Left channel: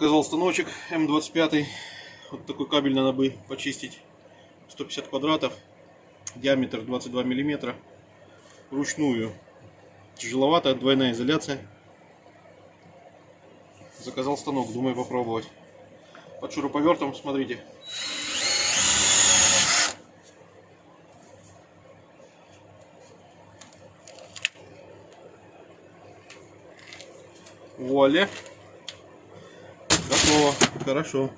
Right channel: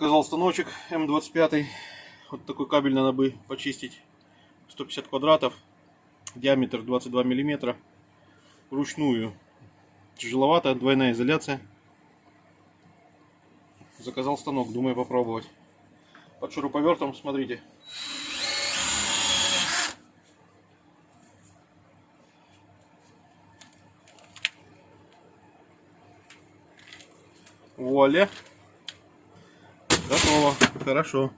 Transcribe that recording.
Заказал станочек М25. Вот такой кабель надо бы почистить. 150 квадратов. Диаметр 22 миллиметра. Ручную. Тяжеловато, двойная изоляция. Заказал станок, думаю попробовать. Под шуруповертом, смотрите. Вуаля. Готово. Хорошо.